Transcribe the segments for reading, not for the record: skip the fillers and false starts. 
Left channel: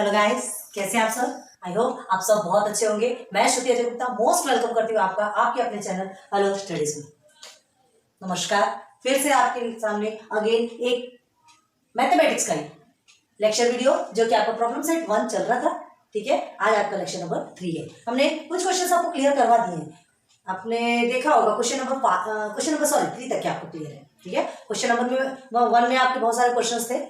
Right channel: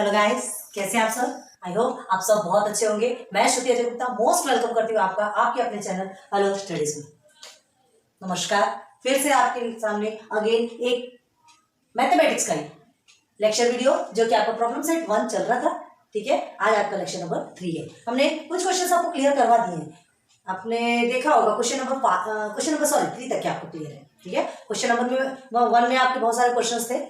Hello guys, कैसे हैं आप सब। आई होप आप सब बहुत अच्छे होंगे। मैं श्रुति अजय गुप्ता मोस्ट वेलकम करती हूँ आपका आपके अपने चैनल हेलो स्टडीज में। नमस्कार, फिर से आपके सामने अगेन एक मैथमेटिक्स का ही लेक्चर वीडियो जो कि आपका प्रॉब्लम सेट 1 चल रहा था। ठीक है, आज आपका लेक्चर नंबर 3 है। हमने कुछ क्वेश्चन आपको क्लियर करवा दिए हैं। आपने देखा होगा क्वेश्चन नंबर सॉरी 3 तक आपको क्लियर है। ठीक है, क्वेश्चन नंबर 1 में आपके बहुत सारे क्वेश्चन थे,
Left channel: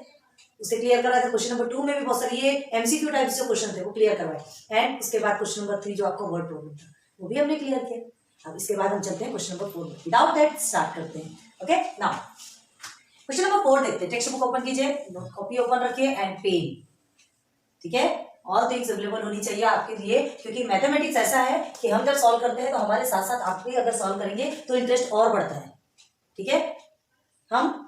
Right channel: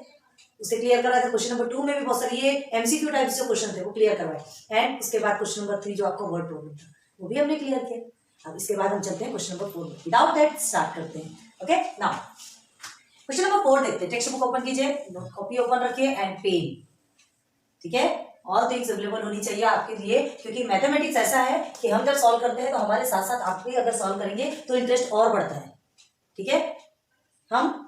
उसे क्लियर करवाया था। क्वेश्चन नंबर 2 में भी बहुत सारे ये एमसीक्यू टाइप से क्वेश्चन थे, वो क्लियर करवाए। एंड उसके बाद क्वेश्चन नंबर 3 जो आपका वर्ड प्रॉब्लम था वो भी हमने क्लियर किया। अब इसके बाद हम चलते हैं क्वेश्चन नंबर 4 में। विदाउट दैट स्टार्ट करते हैं। ओके, नाउ क्वेश्चन नंबर 4 देखते हैं। टेक्स्ट बुक ओपन कीजिए, कॉपी ओपन रखिए एंड पेन। ठीक है, ऑल थिंग्स अवेलेबल होनी चाहिए आपके लिए, क्योंकि मैथमेटिक्स ऐसा है कि हम जब सॉल्व करते हैं तो हमारे साथ साथ आप भी अगर सॉल्व करेंगे तो इंटरेस्ट और बढ़ता है। ठीक है, हम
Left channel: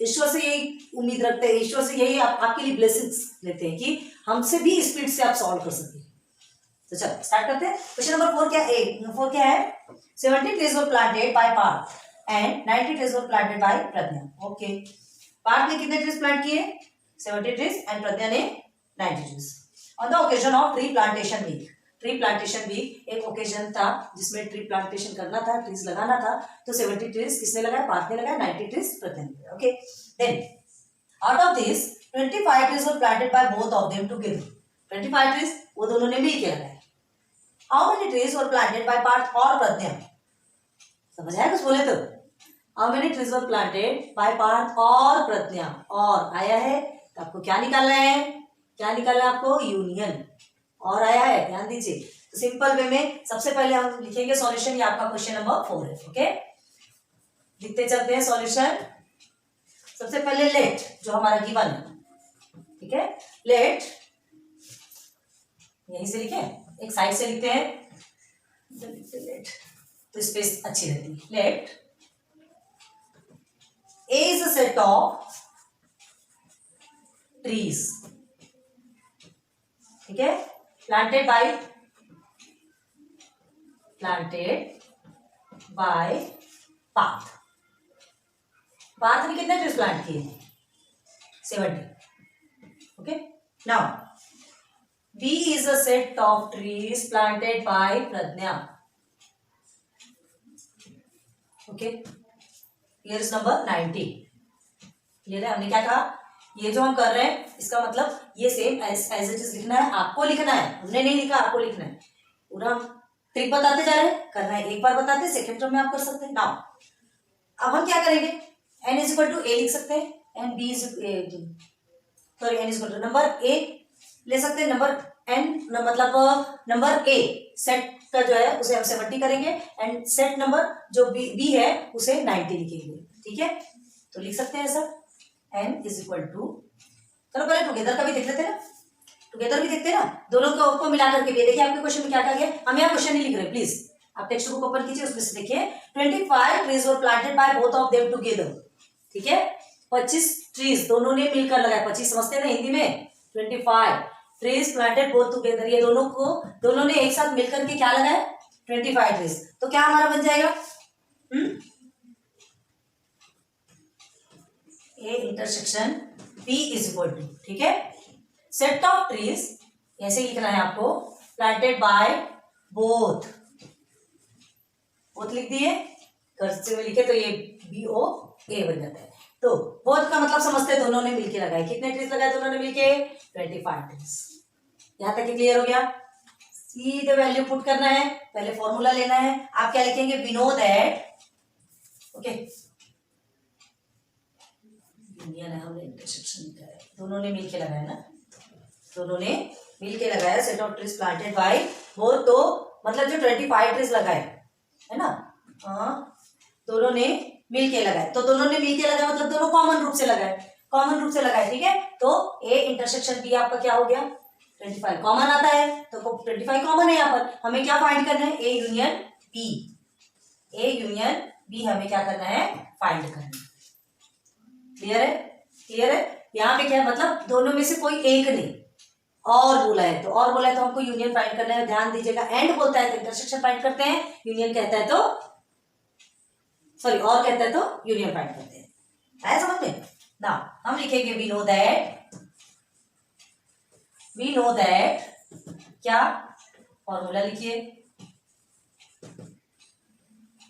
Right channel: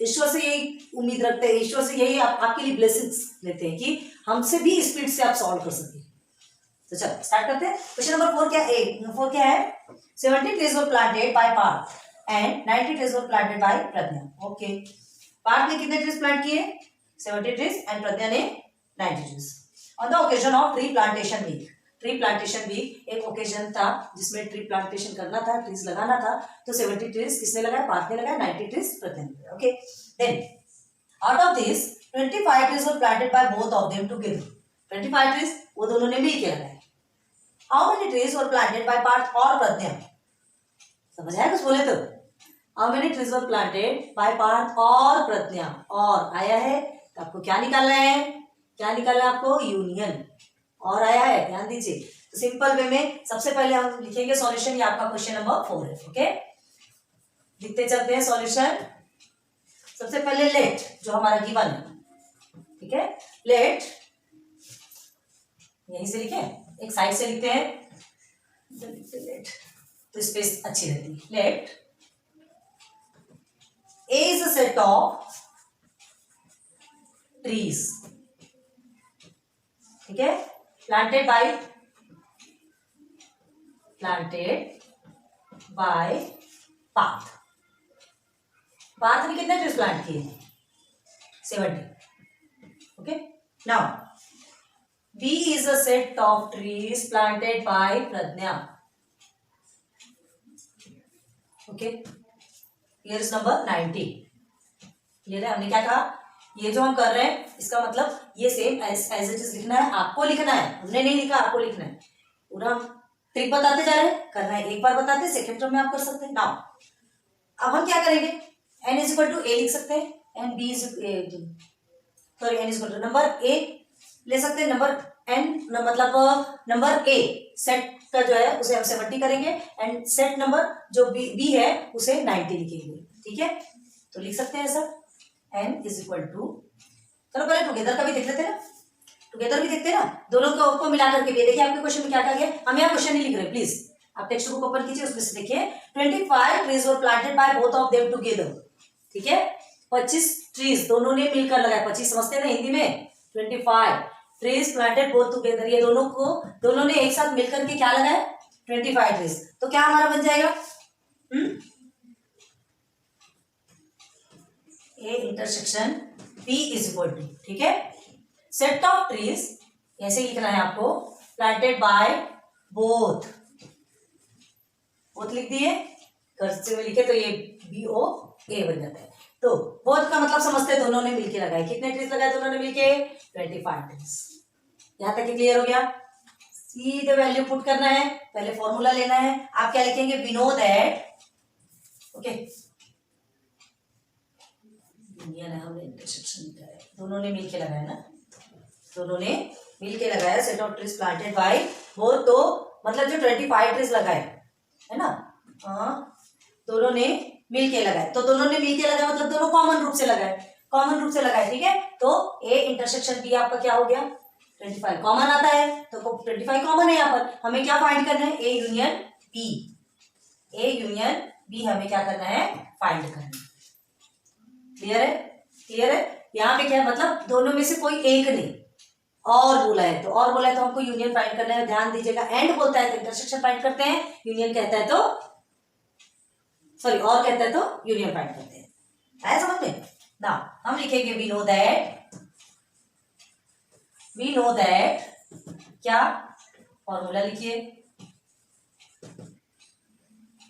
ईश्वर से यही उम्मीद रखते हैं, ईश्वर से यही आपके लिए ब्लेसिंग्स लेते हैं कि हमसे भी स्पीड से आप सॉल्व कर सके। तो चलो स्टार्ट करते हैं। क्वेश्चन नंबर 4 क्या है 70 trees were planted by Parth and 90 trees were planted by Pradnya. Okay, Parth ने कितने ट्रीज प्लांट किए 70 trees एंड प्रज्ञा ने 90 trees on the occasion of tree plantation week. Tree plantation week एक ओकेजन था जिसमें ट्री प्लांटेशन करना था, ट्रीज लगाना था। तो 70 ट्रीज किसने लगाया, पार्थ ने लगाया, 90 ट्रीज प्रज्ञा ने लगाया। Okay, then out of this 25 trees were planted by both of them together. 25 trees वो दोनों ने मिलकर लगाए। How many trees were planted by Parth और प्रज्ञा? समझ आया कुछ बोले तो? How many trees were planted by Parth और प्रज्ञा? और आया है तो आपको क्या निकालना है, क्या निकालना है आपको, यूनियन। और आया है, ध्यान दीजिए। तो सिंपल वे में सबसे पहले हम लिखेंगे सॉल्यूशन। ये आपका क्वेश्चन नंबर 4 है। ओके, लिखते चलते हैं सॉल्यूशन। सबसे पहले लेट जो हमारा गिवन है, ठीक है, लेट यहीं से लिखे, एक साइड से लिखते हैं लेट तो स्पेस अच्छी रहती है। Let A is a set of trees, ठीक है, प्लांटेड बाय पार्थ। पार्थ ने कितने ट्रीज प्लांट किए 70। Okay, now B is a set of trees planted by Pradnya. Okay, here is number 90. Clear है? हमने क्या कहा, ये जो हम कर रहे हैं इसका मतलब ये सेम एज इट इज लिखना है, आपको लिखना है। हमने नहीं लिखा, आपको लिखना है। पूरा हम ट्रिक बताते जा रहे हैं, करना है एक बार बताते हैं, सेकेंड टर्म में आप कर सकते हैं। नाउ अब हम क्या करेंगे, n is equal to a लिख सकते हैं and b is sorry n is equal to number a ले सकते हैं, नंबर n मतलब नंबर a सेट का जो है उसे हम 70 करेंगे एंड सेट नंबर जो b है उसे 90 लिखेंगे। ठीक है, तो लिख सकते हैं ऐसा n इज इक्वल टू, चलो पहले टुगेदर का भी देख लेते हैं ना, टुगेदर भी देखते हैं ना, दोनों को मिला करके भी देखिए। आपके क्वेश्चन में क्या कहा गया, हम यहाँ क्वेश्चन नहीं लिख रहे, प्लीज आप टेक्स्ट बुक ओपन कीजिए, उसमें से देखिए 25 trees were planted by both of them together। ठीक है, 25 ट्रीज दोनों ने मिलकर लगाए, 25 समझते हैं ना हिंदी में, 25 ट्रीज प्लांटेड बोथ टुगेदर, ये दोनों ने एक साथ मिलकर के क्या लगाया 25 ट्रीज। तो क्या हमारा बन जाएगा A intersection B is equal to, ठीक है, सेट ऑफ ट्रीज ऐसे लिखना है आपको, प्लांटेड बाय बोथ लिख दिए, कर्सिव में लिखे तो ये BOA बन जाता है। तो बोथ का मतलब समझते हैं, दोनों ने मिलके लगाए। कितने ट्रीज लगाए दोनों ने मिलके 25 ट्रीज। यहां तक क्लियर हो गया। सीधे वैल्यू पुट करना है, पहले फॉर्मूला लेना है। आप क्या लिखेंगे, we know that, okay, union है, हमने इंटरसेक्शन लिखा है, दोनों ने मिलके लगाया ना, दोनों ने मिलके लगाया set of trees planted by both. तो मतलब जो 25 ट्रीज लगाए है ना, हाँ, दोनों ने मिलके लगाए। तो दोनों ने मिलके लगाए मतलब दोनों कॉमन रूप से लगाए, ठीक है। तो ए इंटरसेक्शन बी आपका क्या हो गया 25 कॉमन आता है, तो 25 कॉमन है यहाँ पर। हमें क्या फाइंड करना है, ए यूनियन बी हमें क्या करना है, फाइंड करना है। क्लियर है। यहाँ पे क्या है, मतलब दोनों में से कोई एक नहीं, और बोला है तो हमको यूनियन फाइंड करना है। ध्यान दीजिएगा, एंड बोलता है तो इंटरसेक्शन फाइंड करते हैं, यूनियन कहता है तो सॉरी और कहता है तो यूनियन फाइंड करते हैं। आया समझ में ना, हम लिखेंगे we know that we know that, क्या फॉर्मूला लिखिए,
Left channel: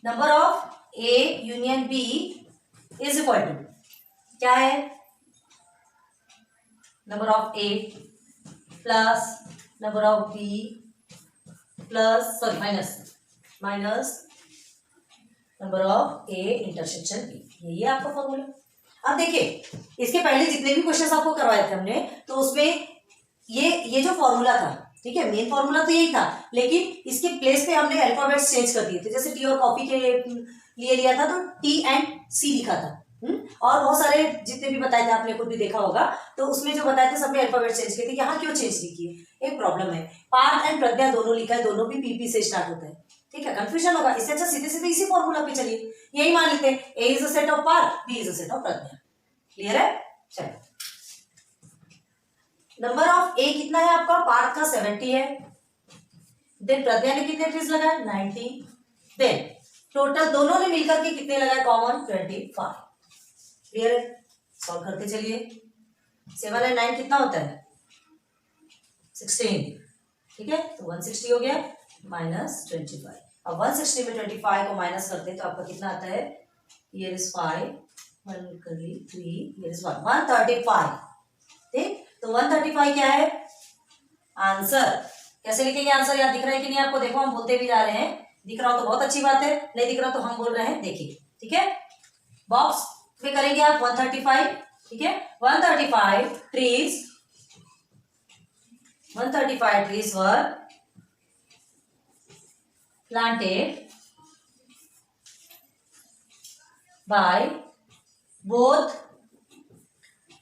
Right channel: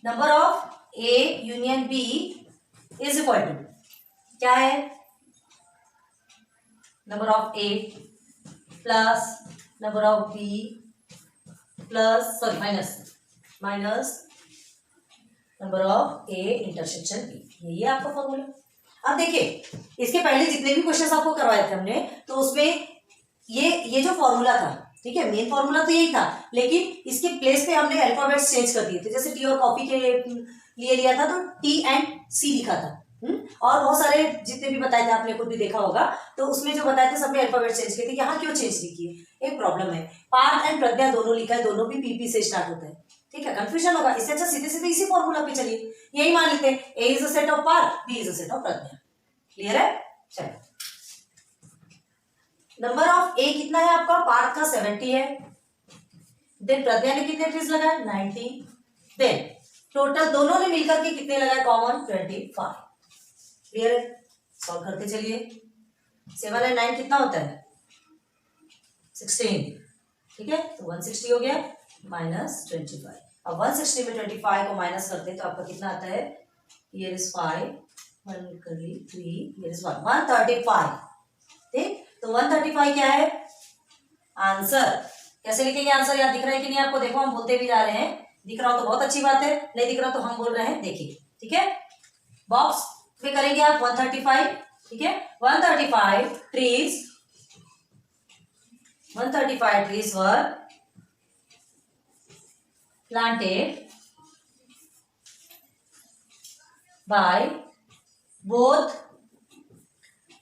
number of A union B is equal to, क्या है, number of A plus number of B plus sorry minus number of A intersection B, यही है आपका फॉर्मूला। अब देखिए इसके पहले जितने भी क्वेश्चंस आपको करवाए थे हमने, तो उसमें ये जो फॉर्मूला था, ठीक है, मेन फॉर्मूला तो यही था, लेकिन इसके प्लेस पे हमने अल्फाबेट्स चेंज कर दिए थे। जैसे टी और कॉफी के लिए लिया था तो टी एंड सी लिखा था, और बहुत सारे जितने भी बताए थे आपने खुद भी देखा होगा, तो उसमें जो बताए थे सब में अल्फाबेट चेंज किए थे। यहाँ क्यों चेंज नहीं किए, एक प्रॉब्लम है, पार्थ एंड प्रज्ञा दोनों लिखा है, दोनों भी पीपी से स्टार्ट होता है, ठीक है, कंफ्यूजन होगा, इससे अच्छा सीधे सीधे इसी फॉर्मूला पे चलिए, यही मान लेते हैं, A is a set of Parth, B is a set of Pragya. Clear है, चलो नंबर ऑफ ए कितना है आपका, पार्थ का 70 है, देन प्रज्ञा ने कितने ट्रीज लगाए 90, देन टोटल दोनों ने मिलकर के कितने लगाए कॉमन 25। क्लियर है, सॉल्व करते चलिए, 7 एंड 9 कितना होता है 16, ठीक है, तो 160 हो गया माइनस 25। अब 160 में 25 को माइनस करते हैं तो आपका कितना आता है, हियर इज 5 1 3 हियर इज 1 135, ठीक, तो 135 क्या है आंसर। कैसे लिखेंगे आंसर, याद दिख रहा है कि नहीं आपको, देखो हम बोलते भी जा रहे हैं, दिख रहा हो तो बहुत अच्छी बात है, नहीं दिख रहा तो हम बोल रहे हैं, देखिए, ठीक है, बॉक्स में करेंगे आप 135, ठीक है, 135 trees, 135 trees were planted by both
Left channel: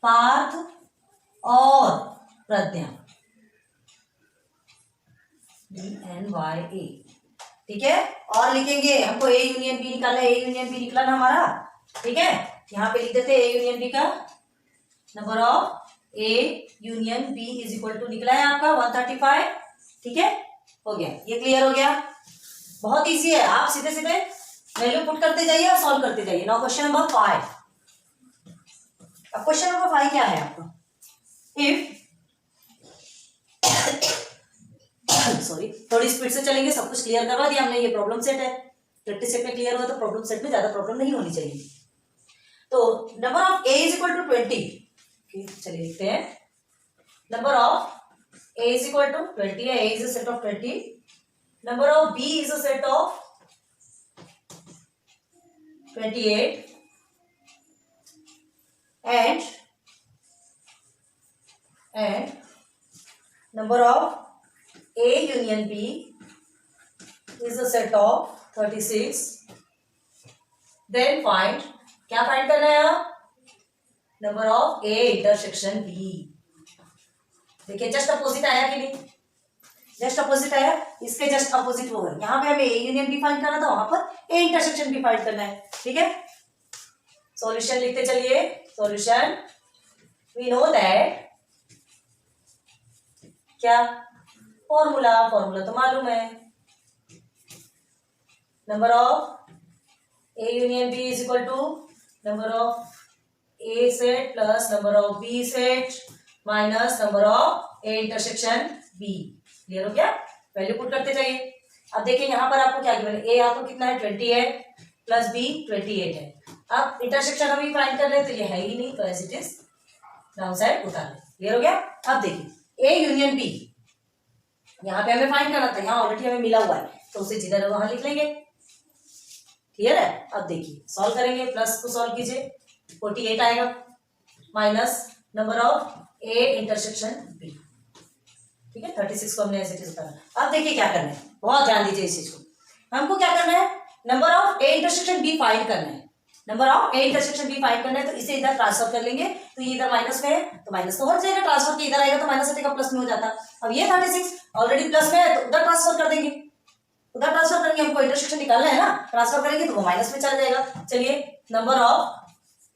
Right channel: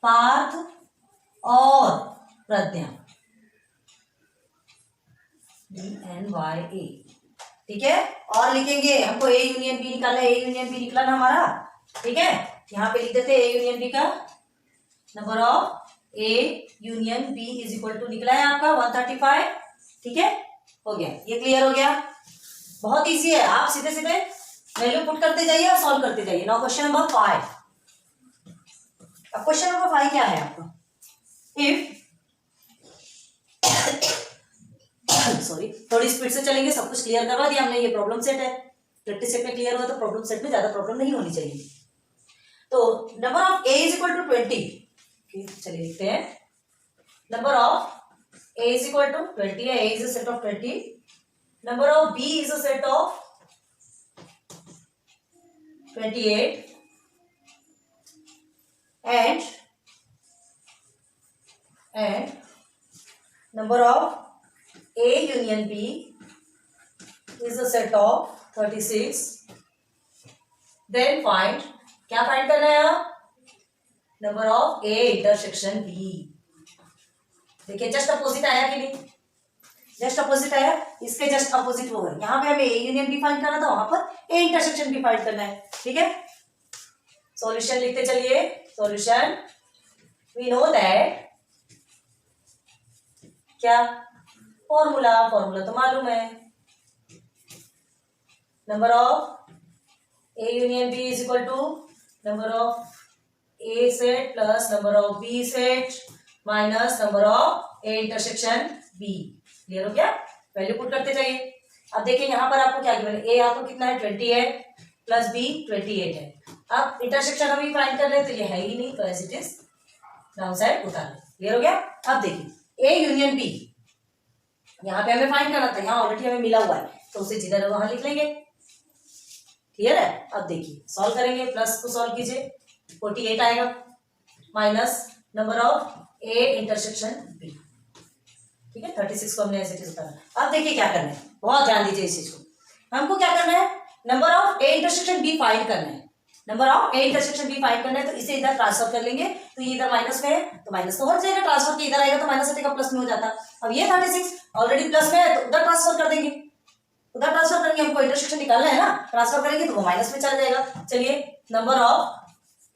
Parth और प्रज्ञा, DNYA, ठीक है, और लिखेंगे, हमको ए यूनियन बी निकालना है, ए यूनियन बी निकला ना हमारा, ठीक है, यहाँ पे लिख देते हैं ए यूनियन बी का number of A union B is equal to निकला है आपका 135, ठीक है, हो गया, ये क्लियर हो गया, बहुत इजी है, आप सीधे सीधे वैल्यू पुट करते जाइए और सॉल्व करते जाइए। नाउ क्वेश्चन नंबर 5, अब क्वेश्चन नंबर 5 क्या है आपका, इफ सॉरी थोड़ी स्पीड से चलेंगे, सब कुछ क्लियर करवा दिया हमने, ये प्रॉब्लम सेट है, प्रैक्टिस सेट में क्लियर हुआ तो प्रॉब्लम सेट में ज्यादा प्रॉब्लम नहीं होनी चाहिए। तो number of A is equal to 20, चलिए लिखते हैं, number of A is equal to 20 है, A is a set of 20, number of B is a set of 28 and number of A union B is a set of 36, then find, क्या find करना है आप, number of A intersection B, देखिए just opposite आया कि नहीं, just opposite आया, इसके जस्ट अपोजिट वो है, यहाँ पे हमें ए यूनियन बी फाइंड करना था, वहां पर ए इंटरसेक्शन बी फाइंड करना है, ठीक है, सॉल्यूशन लिखते चलिए, सॉल्यूशन वी नो दैट, क्या फॉर्मूला तो मालूम है, number of A union B is equal to number of A set plus number of B set minus number of A intersection B. Clear हो गया, वैल्यू पुट करते जाइए। अब देखिए यहाँ पर आपको क्या गिवन है, ए आपको कितना है 20 है प्लस बी 28 है, अब इंटरसेक्शन अभी फाइंड कर रहे हैं तो ये है ही नहीं, तो as it is down side उतार लें। क्लियर हो गया, अब देखिए ए यूनियन बी यहाँ पे हमें फाइंड करना था, यहाँ ऑलरेडी हमें मिला हुआ है तो उसे जिधर वहां लिख लेंगे। क्लियर है, अब देखिए सॉल्व करेंगे, प्लस को सॉल्व कीजिए 48 आएगा minus number of A intersection B, ठीक है, 36 को हमने ऐसे चीज उतारा। अब देखिए क्या करना है, बहुत ध्यान दीजिए इस चीज को, हमको क्या करना है, number of A intersection B find करना है, number of A intersection B find करना है, तो इसे इधर ट्रांसफर कर लेंगे, तो ये इधर माइनस में है तो माइनस तो हट जाएगा, ट्रांसफर के इधर आएगा तो माइनस हटेगा प्लस में हो जाता। अब ये 36 ऑलरेडी प्लस में है तो उधर ट्रांसफर कर देंगे, उधर ट्रांसफर करेंगे, हमको इंटरसेक्शन निकालना है ना, ट्रांसफर करेंगे तो वो माइनस में चला जाएगा। चलिए number of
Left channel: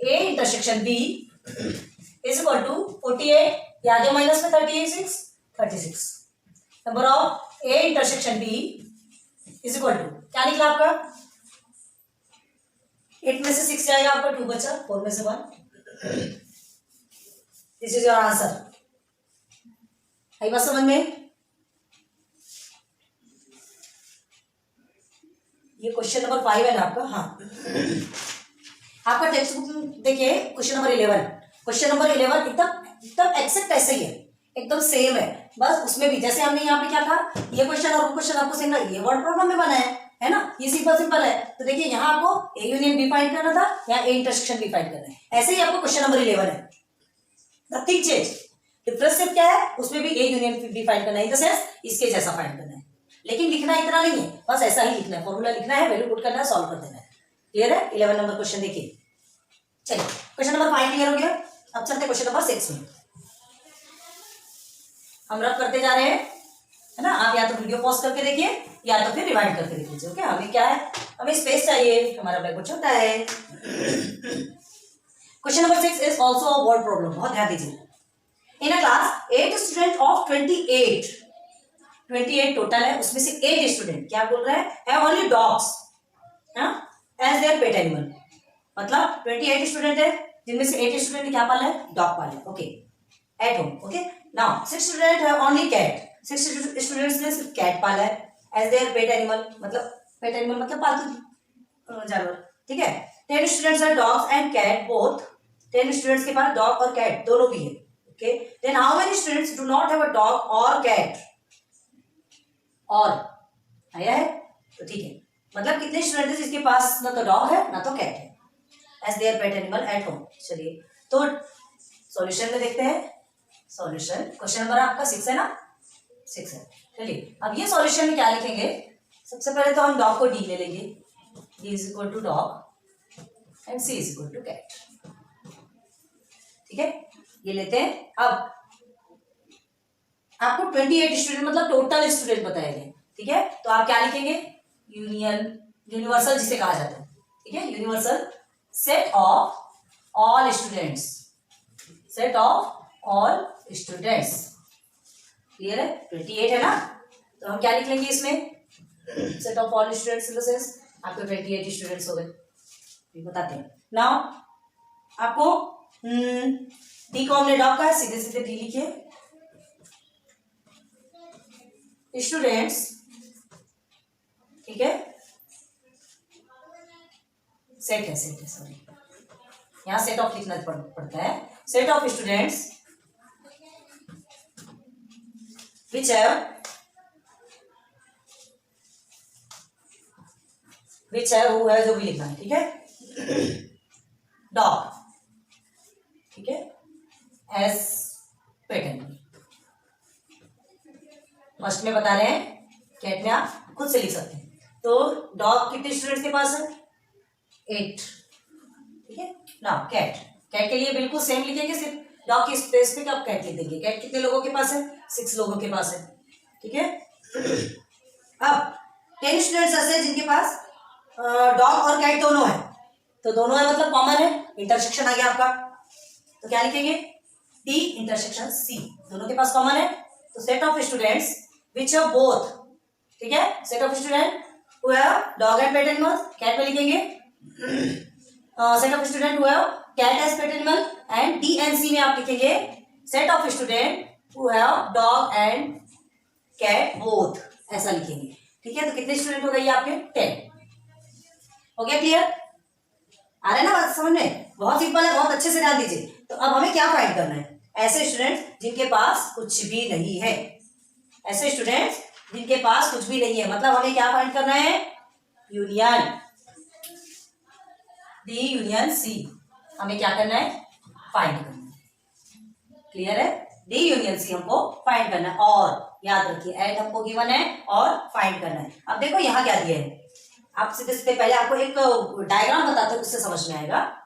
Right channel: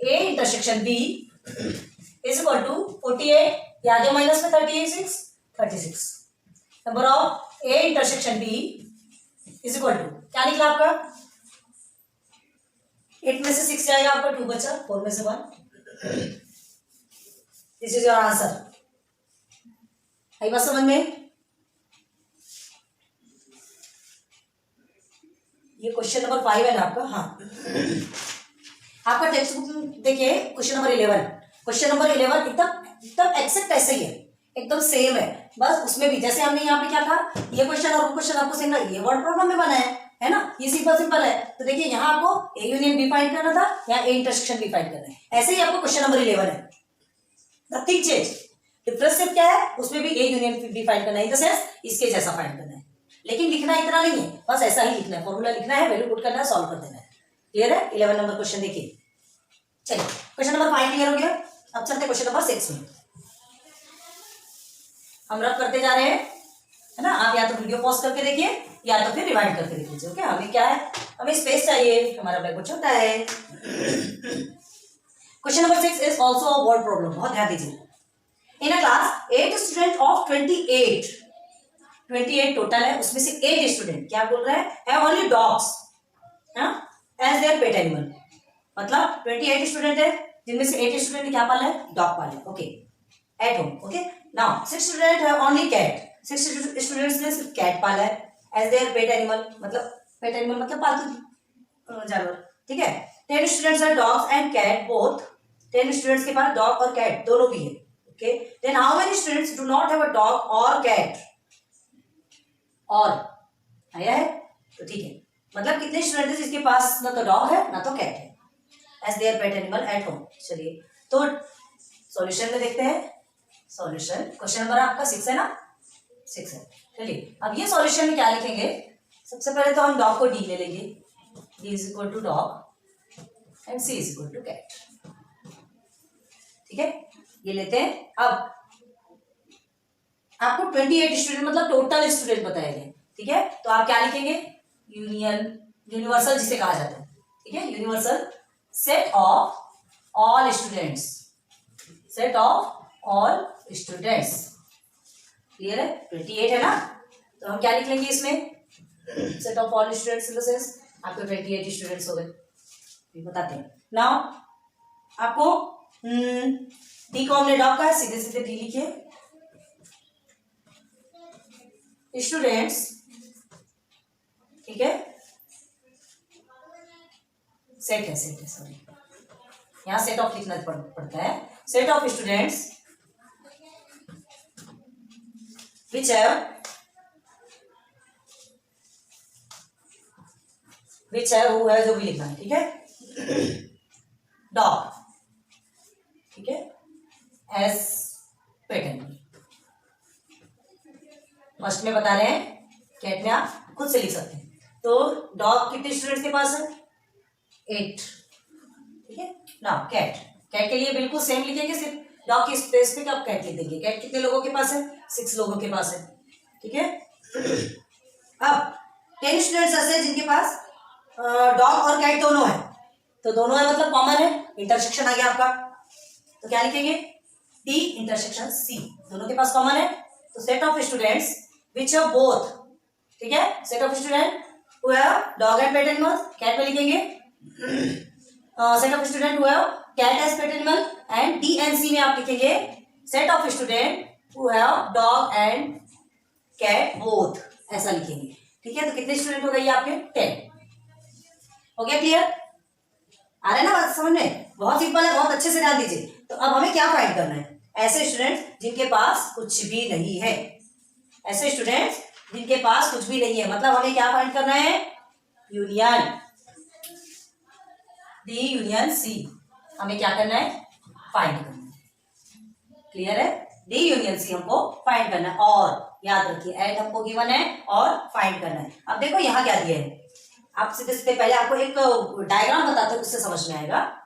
A intersection B is equal to 48, ये आ गया माइनस में 36, number of A intersection B is equal to क्या निकला आपका, 8 में से 6 जाएगा आपका, 2 बचा, 4 में से 1, दिस इज योर आंसर, आई बात समझ में? ये क्वेश्चन नंबर 5 है ना आपका। हाँ, आपका टेक्स्ट बुक देखिए क्वेश्चन नंबर 11। क्वेश्चन नंबर 11 एकदम एक्सेक्ट ऐसे ही है, एकदम सेम है। बस उसमें भी जैसे हमने यहाँ पे क्या कहा, ये क्वेश्चन और वो क्वेश्चन आपको सेम लगे, ये वर्ड प्रॉब्लम में बना है ना, ये सिंपल है। तो देखिए यहाँ आपको ए यूनियन बी फाइंड करना था, यहाँ ए इंटरसेक्शन बी फाइंड करना है। ऐसे ही आपको क्वेश्चन नंबर 11 है, नथिंग चेंज। डिफरेंस सिर्फ क्या है, उसमें भी ए यूनियन बी फाइंड करना है, इन द सेंस इसके जैसा फाइंड करना है। लेकिन लिखना इतना नहीं है, बस ऐसा ही लिखना है, फॉर्मूला लिखना है, वैल्यू पुट करना है, सॉल्व कर देना है। क्लियर है? 11 नंबर क्वेश्चन देखिए। चलिए क्वेश्चन नंबर 5 क्लियर हो गया। अब चलते क्वेश्चन नंबर 6 में। हम रब करते जा रहे हैं, है ना। आप या तो वीडियो पॉज करके देखिए या तो फिर रिवाइंड करके देख लीजिए। ओके, हमें क्या है, हमें स्पेस चाहिए, हमारा ब्लैक बोर्ड छोटा है। Question number 6 is also a word problem. बहुत ध्यान दीजिए। In a class 8 student of 28 total है, उसमें से 8 स्टूडेंट क्या बोल रहे हैं, have only dogs as their pet animal. मतलब 28 स्टूडेंट है, जिनमें से 8 स्टूडेंट क्या पाला है, डॉग पाला है। Okay, at home. Okay, now 6 student have only cat. 6 students ने सिर्फ कैट पाला है एज देयर पेट एनिमल। मतलब पेट एनिमल मतलब पालतू जानवर। ठीक है। 10 students are dogs and cat both. 10 students के पास डॉग और कैट दोनों भी है। Okay, then how many students do not have a dog और कैट। और आया है तो ठीक है, मतलब कितने स्टूडेंट है जिसके पास ना तो डॉग है ना तो कैट है as their pet animal at home. चलिए तो सॉल्यूशन में देखते हैं। सॉल्यूशन क्वेश्चन नंबर आपका 6 है ना, 6 है। चलिए अब ये सॉल्यूशन में क्या लिखेंगे, सबसे पहले तो हम डॉग को डी ले लेंगे। D is equal to dog and C is equal to cat. ठीक है, ये लेते हैं। अब आपको 28 स्टूडेंट मतलब टोटल स्टूडेंट बताया गया। ठीक है, तो आप क्या लिखेंगे, यूनिवर्सल जिसे कहा जाता है। ठीक है, universal set of all students. Set of all students. Clear है? 28 है ना, तो हम क्या लिख लेंगे इसमें, set of all students in the sense आपके 28 स्टूडेंट्स हो गए। बताते हैं नाउ। आपको डी को हमने डॉग का है, सीधे सीधे डी लिखिए। स्टूडेंट्स, ठीक है, सेट है सॉरी, यहां सेट ऑफ लिखना पड़ता है। सेट ऑफ स्टूडेंट्स विच है वो है जो भी लिखना है। ठीक है, डॉग, ठीक है, एस पेट एनिमल। फर्स्ट में बता रहे हैं, कैट में आप खुद से लिख सकते हैं। तो डॉग कितने स्टूडेंट्स के पास है, 8। ठीक है ना, कैट के लिए बिल्कुल सेम लिखेंगे, सिर्फ डॉग की स्पेस पे आप कैट लिख देंगे। कैट कितने लोगों के पास है, 6 लोगों के पास है। ठीक है, अब 10 स्टूडेंट्स ऐसे जिनके पास डॉग और कैट दोनों है, तो दोनों है मतलब कॉमन है, इंटरसेक्शन आ गया आपका। तो क्या लिखेंगे, डी इंटरसेक्शन सी, दोनों के पास कॉमन है। तो set of students which have both, ठीक है, set of student who have dog and pet animal, cat में लिखेंगे। Set of student who have cat as pet animal, and D and C में आप लिखेंगे set of student who have dog and cat both, ऐसा लिखेंगे। ठीक है, तो कितने स्टूडेंट हो गए आपके, 10 हो गया। क्लियर आ रहा है ना बात समझ में? बहुत सिंपल है, बहुत अच्छे से ध्यान दीजिए। तो अब हमें क्या फाइंड करना है, ऐसे स्टूडेंट जिनके पास कुछ भी नहीं है। ऐसे स्टूडेंट्स जिनके पास कुछ भी नहीं है, मतलब हमें क्या फाइंड करना है, यूनियन, डी यूनियन सी हमें क्या करना है, फाइंड करना है। क्लियर है, डी यूनियन सी हमको फाइंड करना है। और याद रखिए एंड हमको गिवन है और फाइंड करना है। अब देखो यहाँ क्या दिया है, आप सीधे सीधे पहले आपको एक डायग्राम बताते हैं, उससे समझ में आएगा।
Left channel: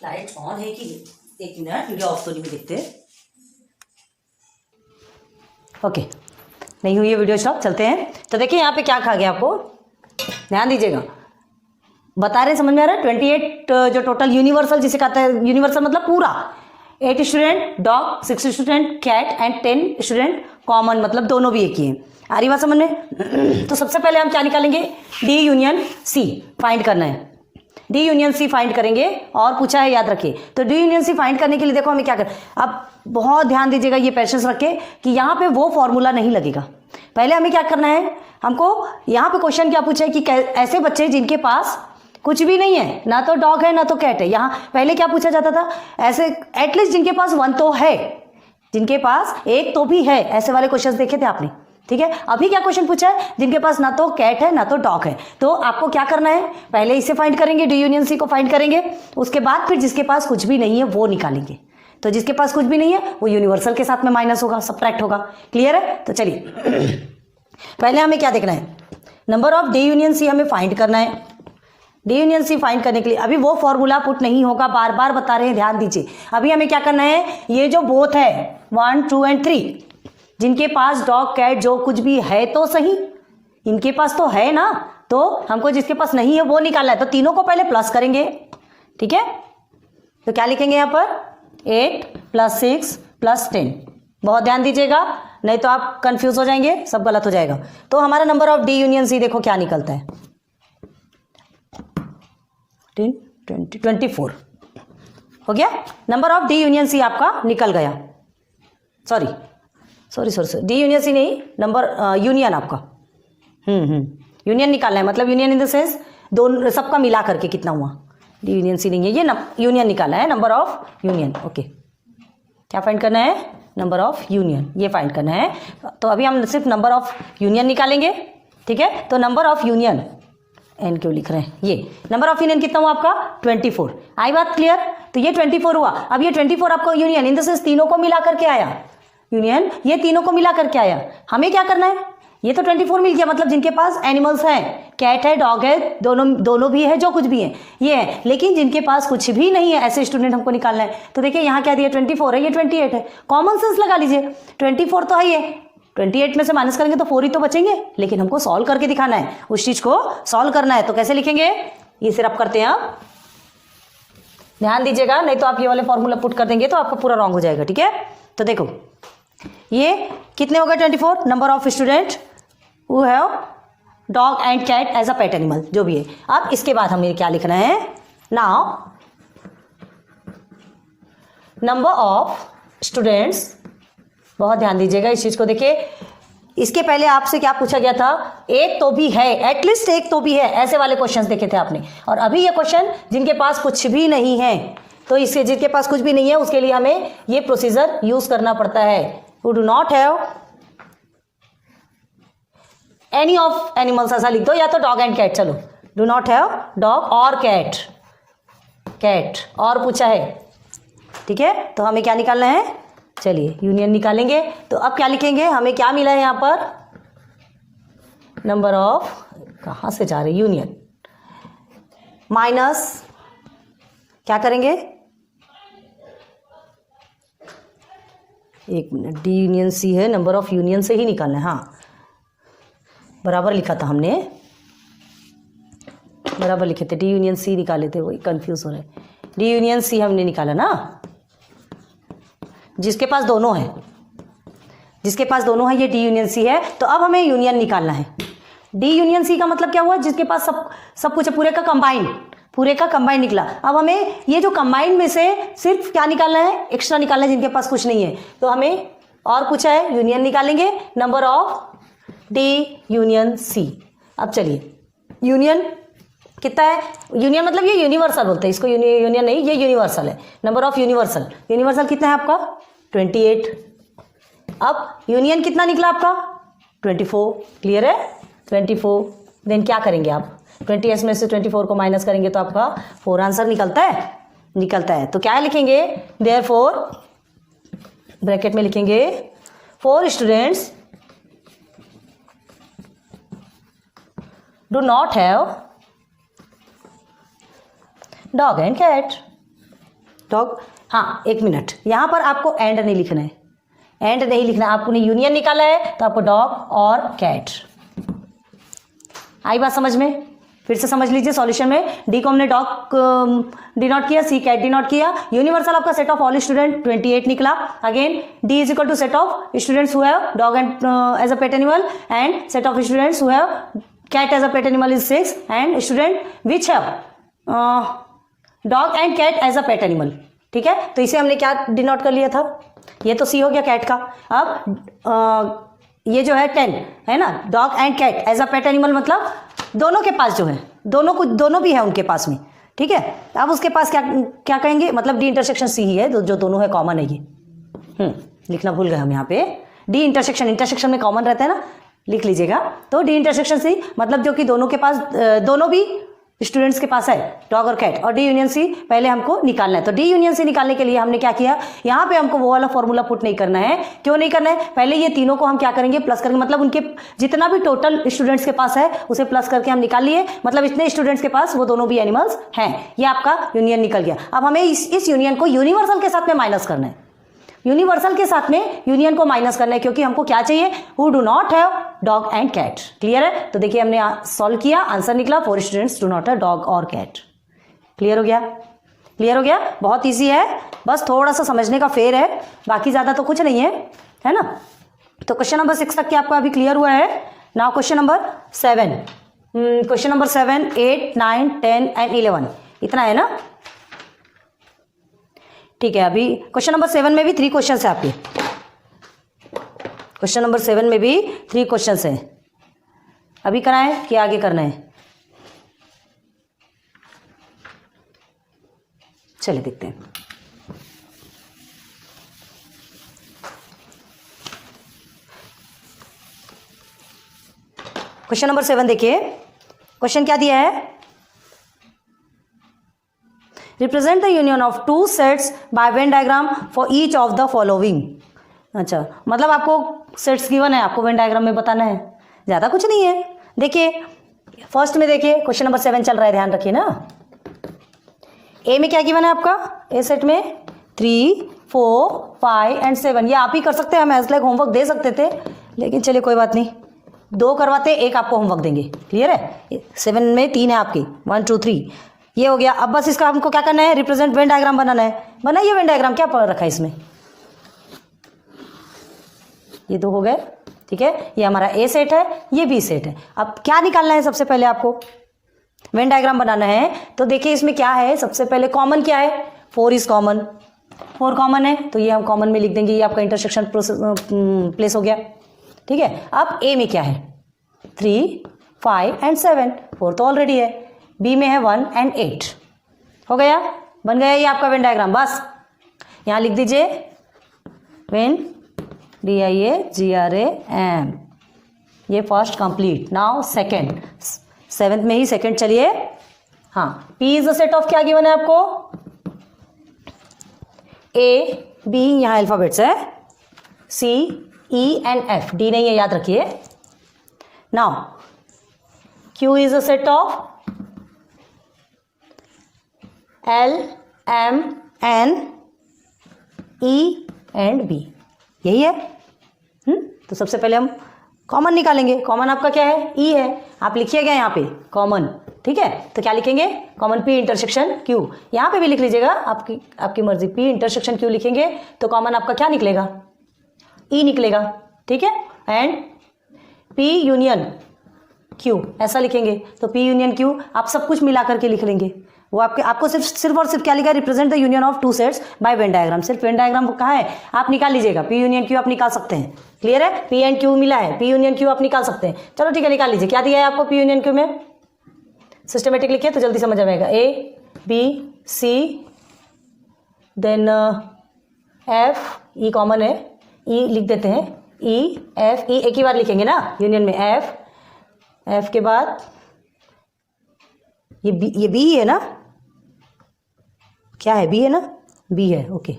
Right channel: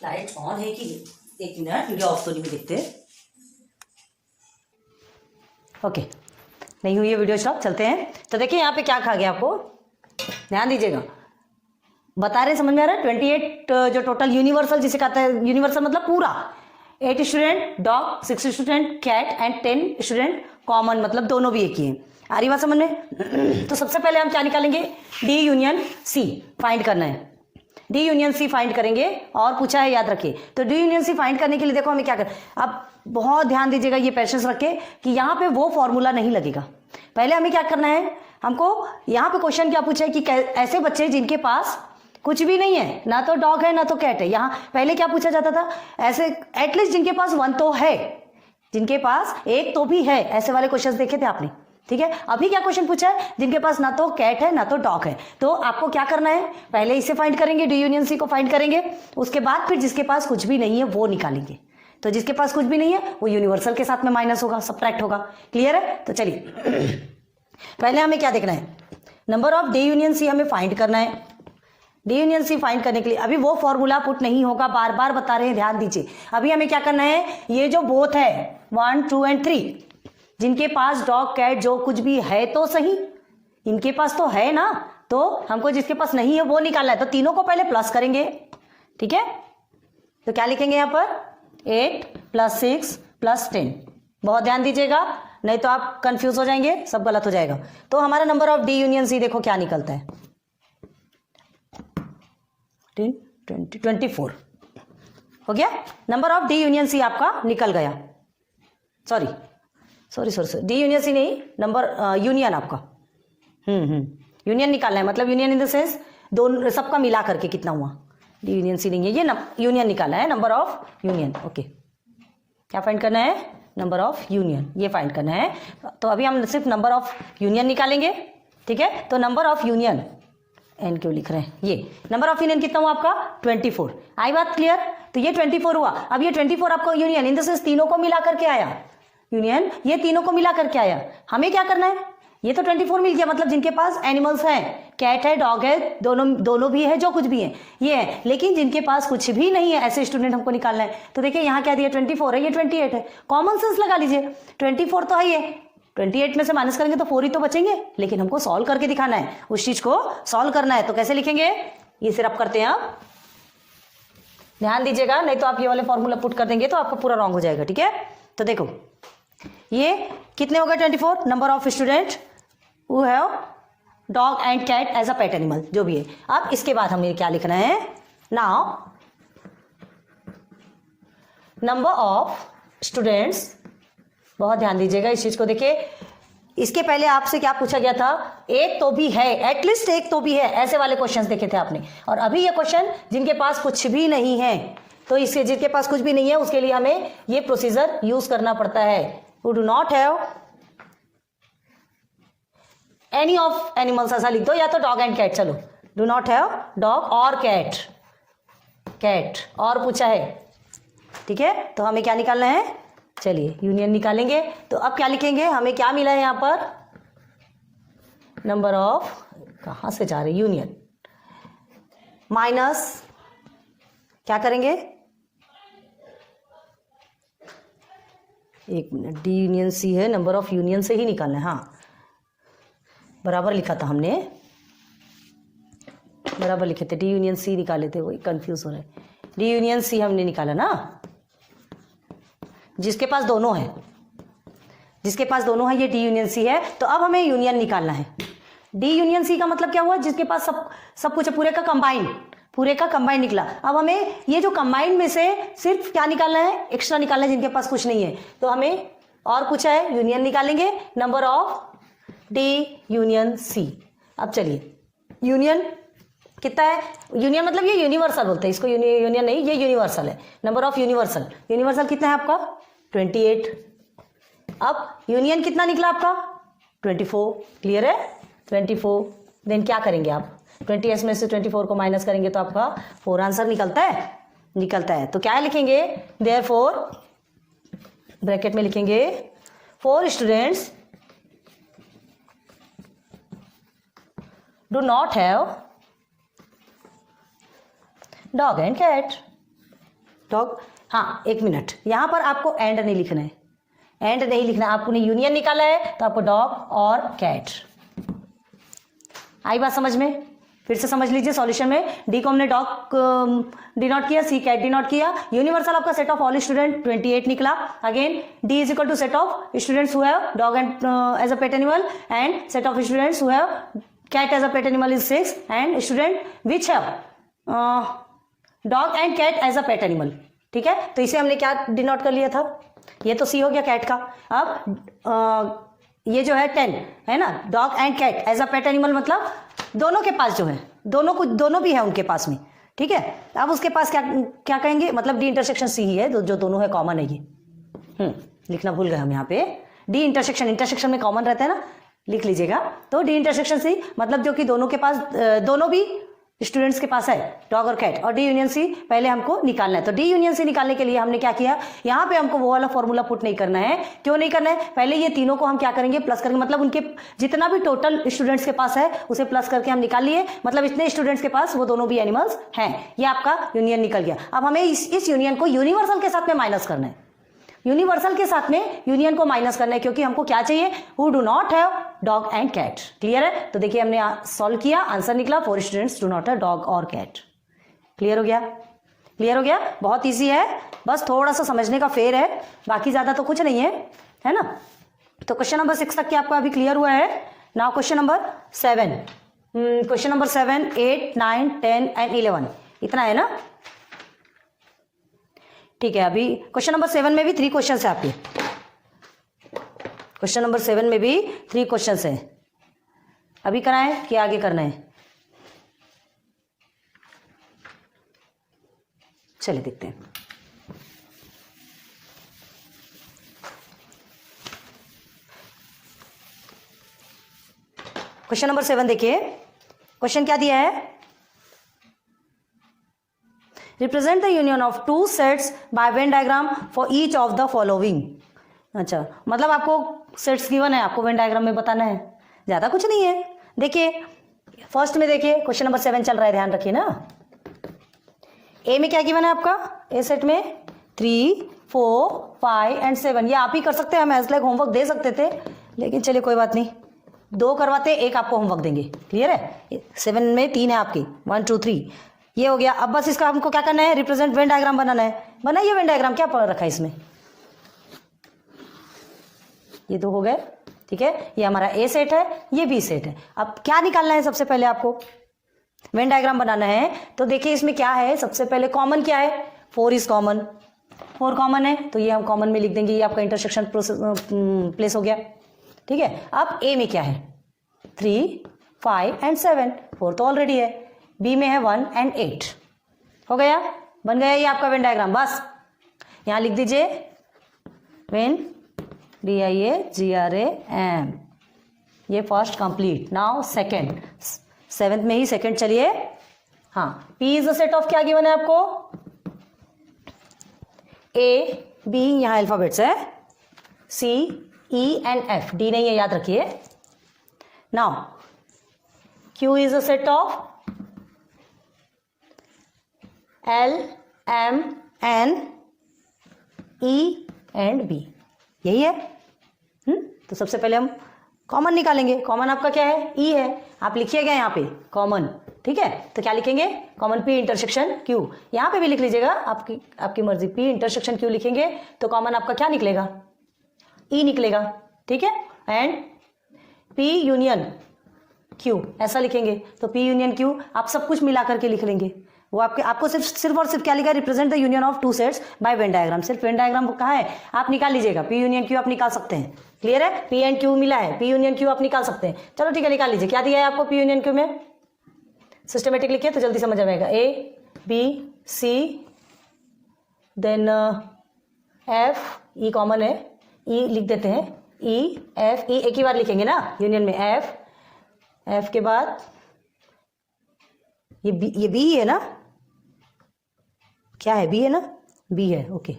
लाइट ऑन है कि एक मिनट, वीडियो ऑफ तो नहीं देखते। ओके, नहीं हुई है वीडियो स्टॉप, चलते हैं। तो देखिए यहाँ पे क्या कहा गया, आपको ध्यान दीजिएगा, बता रहे समझ में आ रहा है। 28 जो टोटल यूनिवर्सल जिसे कहते हैं, यूनिवर्सल मतलब पूरा, 8 student dog, 6 student cat and 10 student common, मतलब दोनों भी एक ही है। आ रही बात समझ में? तो सबसे पहले हम क्या निकालेंगे, डी यूनियन सी फाइंड करना है। डी यूनियन सी फाइंड करेंगे और पूछा है, याद रखिए। तो डी यूनियन सी फाइंड करने के लिए देखो हमें क्या करना, अब बहुत ध्यान दीजिएगा, ये पेशेंस रखे कि यहाँ पे वो फॉर्मूला नहीं लगेगा। पहले हमें क्या करना है, हमको यहाँ पे क्वेश्चन क्या पूछा है कि ऐसे बच्चे जिनके पास कुछ भी नहीं है, ना तो डॉग है ना तो कैट है। यहाँ पहले क्या पूछा जाता था, ऐसे एटलीस्ट जिनके पास वन तो है, जिनके पास एक तो भी है, ऐसे वाले क्वेश्चन देखे थे आपने, ठीक है। अभी क्या क्वेश्चन पूछा है, जिनके पास ना तो कैट है ना तो डॉग है। तो आपको क्या करना है, पहले इसे फाइंड करेंगे, डी यूनियन सी को फाइंड करेंगे, उसके बाद फिर जिसके पास कुछ भी नहीं है वो निकालेंगे। तो जिसके पास कुछ भी नहीं है वो यूनिवर्सल के साथ में माइनस होगा, सब्ट्रैक्ट होगा। क्लियर है? तो चलिए पहले हमें क्या देखना है, number of D union C हमें फाइंड करना है। डी यूनियन सी फाइंड करने के लिए अभी वो फॉर्मूला पुट नहीं होगा, बार बार बता रहे हैं, ध्यान दीजिए। अभी हमें क्या करना है, ये जो बोथ है 1, 2 एंड 3, जिनके पास डॉग कैट जो कुछ भी है तो सही, इनके पास तो है ना, तो हमको जिसके पास नहीं है वो निकालना है। तो तीनों को पहले प्लस करेंगे, ठीक है। तो क्या लिखेंगे यहाँ पर, 8 + 6 + 10। बहुत ध्यान दीजिएगा, नहीं तो आप कंफ्यूज हो जाएंगे, सब गलत हो जाएगा। तो हमारा number of D union C देखो क्या निकलता है, 10, 20, 24 हो गया। Number of D union C आपका निकल गया। सॉरी, डी यूनियन सी नहीं, नंबर यूनियन आपका यूनियन निकालना है, मतलब यूनियन इन द सेंस दोनों सबका मिला करके कितना हुआ। डी यूनियन सी नहीं है, ये यूनियन निकालना है, नंबर ऑफ यूनियन। ओके, क्या फाइंड करना है, नंबर ऑफ यूनियन, ये फाइंड करना है। तो अभी हम सिर्फ नंबर ऑफ यूनियन निकालेंगे, ठीक है। तो नंबर ऑफ यूनियन, एन क्यों लिख रहे हैं, ये नंबर ऑफ यूनियन कितना हुआ आपका, 24। आई बात क्लियर? तो ये 24 हुआ। अब ये 24 आपको यूनियन इन द सेंस तीनों को मिला करके आया, यूनियन ये तीनों को मिला करके आया। हमें क्या करना है, ये तो 24 मिल गया, मतलब जिनके पास एनिमल्स हैं, कैट है, डॉग है, दोनों भी है, जो कुछ भी है ये है। लेकिन जिनके पास कुछ भी नहीं है, ऐसे स्टूडेंट हमको निकालना है। तो देखिए यहाँ क्या दिया, 24 है, ये 28 है। कॉमन सेंस लगा लीजिए, 24 तो है ये, 28 में से माइनस करेंगे तो 4 ही तो बचेंगे, लेकिन हमको सॉल्व करके दिखाना है, उस चीज को सॉल्व करना है। तो कैसे लिखेंगे, ये सिर्फ करते हैं आप, ध्यान दीजिएगा, नहीं तो आप ये वाले फॉर्मूला पुट कर देंगे तो आपका पूरा रॉन्ग हो जाएगा, ठीक है। तो देखो ये कितने हो गए, 24, number of student who have dog and cat as a pet animal, जो भी है। अब इसके बाद हमें क्या लिखना है, नाउ नंबर ऑफ स्टूडेंट्स, बहुत ध्यान दीजिएगा इस चीज को। देखिए इसके पहले आपसे क्या पूछा गया था, एक तो भी है, एटलीस्ट एक तो भी है, ऐसे वाले क्वेश्चंस देखे थे आपने। और अभी ये क्वेश्चन जिनके पास कुछ भी नहीं है, तो इससे जिनके पास कुछ भी नहीं है उसके लिए हमें ये प्रोसीजर यूज करना पड़ता है। Who do not have any of animals, ऐसा लिख दो, या तो डॉग एंड कैट, चलो डू नॉट हैव डॉग और कैट, कैट और पूछा है, ठीक है। तो हमें क्या निकालना है, चलिए यूनियन निकालेंगे। तो अब क्या लिखेंगे, हमें क्या मिला है यहाँ पर, नंबर ऑफ, कहाँ से जा रहे, यूनियन माइनस क्या करेंगे, एक मिनट, डी यूनियन सी है, नंबर ऑफ यूनियन से ही निकालना है। हाँ बराबर लिखा था हमने, बराबर लिखे थे, डी यूनियन सी निकाले थे, वही कंफ्यूज हो रहे। डी यूनियन सी हमने निकाला ना, जिसके पास दोनों है, जिसके पास दोनों है ये डी यूनियन सी है। तो अब हमें यूनियन निकालना है। डी यूनियन सी का मतलब क्या हुआ, जिसके पास सब कुछ है, पूरे का कंबाइन निकला। अब हमें ये जो कंबाइन में से सिर्फ क्या निकालना है, एक्स्ट्रा निकालना है, जिनके पास कुछ नहीं है। तो हमें और पूछा है, यूनियन निकालेंगे, number of D union C. अब चलिए यूनियन कितना है, यूनियन मतलब ये यूनिवर्सल बोलते हैं इसको, यूनियन नहीं, ये यूनिवर्सल है। नंबर ऑफ यूनिवर्सल, यूनिवर्सल कितना है आपका, 28। अब यूनियन कितना निकला आपका, 24। क्लियर है, 24। देन क्या करेंगे आप, 20 में से 24 को माइनस करेंगे तो आपका 4 आंसर निकलता है। तो क्या लिखेंगे, देयरफॉर ब्रैकेट में लिखेंगे 4 students do not have dog and cat. Dog, हाँ एक मिनट, यहाँ पर आपको एंड नहीं लिखना है, एंड नहीं लिखना है, आपने यूनियन निकाला है तो आपको डॉग और कैट। आई बात समझ में, फिर से समझ लीजिए। सॉल्यूशन में डी को हमने डॉग डिनोट किया, सी कैट डिनोट किया, यूनिवर्सल आपका सेट ऑफ ऑल स्टूडेंट 28 निकला। Again D is equal to set of students who have dog and as a pet animal, and set of students who have cat as a pet animal is 6, and student which have dog and cat as a pet animal, ठीक है। तो इसे हमने क्या denote कर लिया था, ये तो सी हो गया कैट का। अब ये जो है 10 है ना, dog and cat as a pet animal, मतलब दोनों के पास जो है, दोनों भी है उनके पास में, ठीक है। अब उसके पास क्या क्या कहेंगे, मतलब डी इंटरसेक्शन सी ही है, जो दोनों है कॉमन है ये। लिखना भूल गए हम यहाँ पे, डी इंटरसेक्शन में कॉमन रहता है ना, लिख लीजिएगा। तो डी इंटरसेक्शन सी मतलब जो कि दोनों के पास, दोनों भी स्टूडेंट्स के पास है, डॉग और कैट, और डी यूनियन सी पहले हमको निकालना है। तो डी यूनियन सी निकालने के लिए हमने क्या किया, यहाँ पे हमको वो वाला फॉर्मूला पुट नहीं करना है। क्यों नहीं करना है, पहले ये तीनों को हम क्या करेंगे, प्लस करेंगे, मतलब उनके जितना भी टोटल स्टूडेंट्स के पास है उसे प्लस करके हम निकाल लिए, मतलब इतने स्टूडेंट्स के पास वो दोनों भी एनिमल्स हैं। ये आपका यूनियन निकल गया। अब हमें इस यूनियन को यूनिवर्सल के साथ में माइनस करना है, यूनिवर्सल के साथ में यूनियन को माइनस करना है, क्योंकि हमको क्या चाहिए, who do not have dog and cat. Clear है। तो देखिए हमने सॉल्व किया, आंसर निकला 4 students do not have dog और कैट। क्लियर हो गया, क्लियर हो गया। बहुत इजी है, बस थोड़ा सा समझने का फेर है, बाकी ज्यादा तो कुछ नहीं है ना। तो क्वेश्चन नंबर 6 तक के आपका अभी क्लियर हुआ है। Now question number 7, question number 7, 8, 9, 10 and 11, इतना है ना, ठीक है। अभी क्वेश्चन नंबर 7 में भी 3 क्वेश्चन है आपके, क्वेश्चन नंबर 7 में भी 3 क्वेश्चन है। अभी कराएं कि आगे करना है, चलिए देखते हैं। क्वेश्चन नंबर 7 देखिए, क्वेश्चन क्या दिया है, represent the union of 2 sets by Venn diagram for each of the following. अच्छा, मतलब आपको सेट्स गिवन है, आपको वेन डायग्राम में बताना है, ज़्यादा कुछ नहीं है। देखिए फर्स्ट में देखिए, क्वेश्चन नंबर 7 चल रहा है, ध्यान रखिए ना। ए में क्या गिवन है आपका, ए सेट में 3, 4, 5 एंड 7, ये आप ही कर सकते हैं, हम एज लाइक होमवर्क दे सकते थे, लेकिन चलिए कोई बात नहीं, 2 करवाते, 1 आपको होमवर्क देंगे। क्लियर है। 7 में 3 है आपकी, 1, 2, 3, ये हो गया। अब बस इसका हमको क्या करना है, रिप्रेजेंट वेन डायग्राम बनाना है। बनाइए वेन डायग्राम, क्या पढ़ रखा है इसमें, ये 2 हो गए, ठीक है। ये हमारा ए सेट है, ये बी सेट है। अब क्या निकालना है, सबसे पहले आपको वेन डायग्राम बनाना है। तो देखिए इसमें क्या है, सबसे पहले कॉमन क्या है, 4 इज कॉमन, 4 कॉमन है, तो ये हम कॉमन में लिख देंगे, ये आपका इंटरसेक्शन प्लेस हो गया, ठीक है। अब ए में क्या है, 3, 5 एंड 7, 4 तो ऑलरेडी है। बी में है 1 एंड 8, हो गया, बन गया ये आपका वेन डायग्राम। बस यहाँ लिख दीजिए वेन, DIAGRAM, ये first complete. Now second, 7th में ही सेकंड, चलिए। हाँ, P is the set of, क्या गिवन है आपको, A, B, यहाँ अल्फाबेट्स है, C, E and F, D नहीं है, याद रखिए। Now Q is the set of L, M, N, E and B, यही है। तो सबसे पहले हम कॉमन निकालेंगे। कॉमन आपका क्या है, E है, आप लिखिएगा यहाँ पे कॉमन, ठीक है। तो क्या लिखेंगे, कॉमन P इंटरसेक्शन Q, यहाँ पे भी लिख लीजिएगा, आपकी मर्जी। P इंटरसेक्शन Q लिखेंगे तो कॉमन आपका क्या निकलेगा, E निकलेगा, ठीक है। एंड P यूनियन Q ऐसा लिखेंगे, तो P यूनियन Q आप सब कुछ मिला करके लिख लेंगे। वो आपको सिर्फ और सिर्फ क्या लिखा है, represent the union of 2 sets by Venn diagram. सिर्फ वेन डायग्राम कहाँ है, आप निकाल लीजिएगा, P यूनियन Q आप निकाल सकते हैं। क्लियर है, P एंड Q मिला है, P यूनियन Q आप निकाल सकते हैं। चलो ठीक है, निकाल लीजिए। क्या दिया है आपको P यूनियन Q में, सिस्टमेटिक लिखिए तो जल्दी समझ में आएगा। A, B, C, then F, E common है, E लिख देते हैं, E, F, E एक ही बार लिखेंगे ना यूनियन में, F के बाद ये B है ना, क्या है, B है ना, B है, ओके।